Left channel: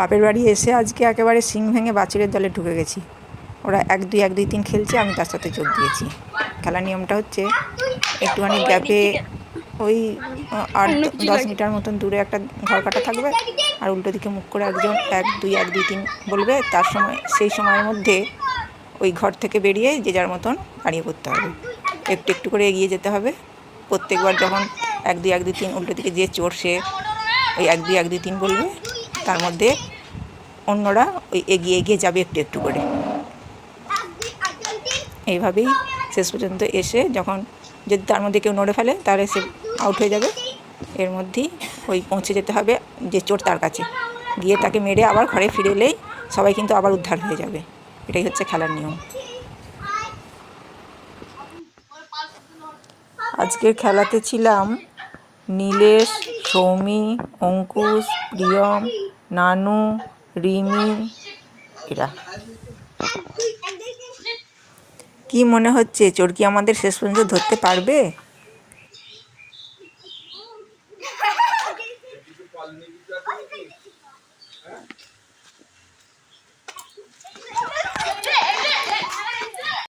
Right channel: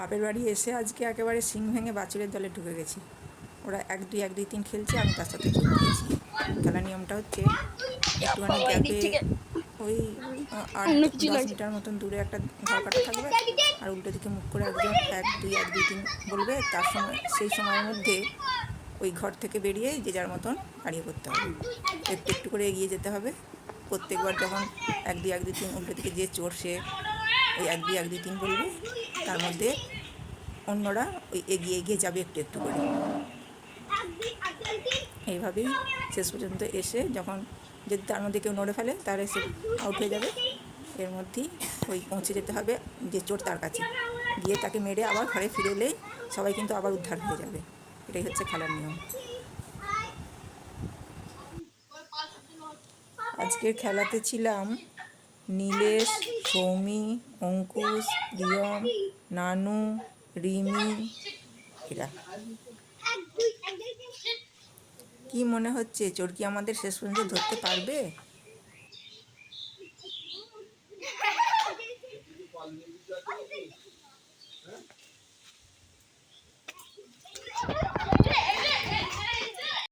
বাপের বাড়ি এসে আজকে একেবারে সিং ভেঙে বাছুরের দলে ঢুকে গেছি। ওরা 1-2 খেলছে, আমি তার সাথে যোগ দিয়েছি। খেলার নিয়মটা হচ্ছে একটুখানি গ্যাপে ওই 8-10 মিটার মতন দূরে একটা ঘর কাটা থাকবে, আর উল্টো দিকে মুখ করে একজন 1-2-1-2-3 বলবে। তার সময় সেই সময়ের মধ্যে ওই ঘর থেকে বেরিয়ে যে যার মতন দাঁড়িয়ে পড়তে হবে, একটু একটু করে এগিয়ে যেতে হবে। প্রত্যেকবার যখন 1-2-1-2-3 উল্টো দিকে যে চোর, সে ওই 1-2-1-2-3 বলবে, তার মধ্যে অন্যরা ওই এগিয়ে এগিয়ে যাবে একটু একটু করে। এইভাবেই শেষ পর্যন্ত এসে যখন যদি তার মধ্যে কেউ নড়ে ফেলে তাহলে সে আউট হয়ে যাবে। এর মধ্যেই ওই পৌঁছে যেতে হবে যে চোর, তার কাছে গিয়ে তাকে মেরে আবার ঘরে ফিরে এলেই সবাই কিন্তু আবার উদ্ধার হয়ে যাবে। এটাই হচ্ছে খেলার নিয়ম। আজকের খেলাতে ছিলাম নীলেশ, সৌমি, অঙ্কুশ, প্রিয়ম, নানু, রিমি, এরা। কি মনে হচ্ছে, চোর কি আমাদের শেষ পর্যন্ত ধরতে পারবে?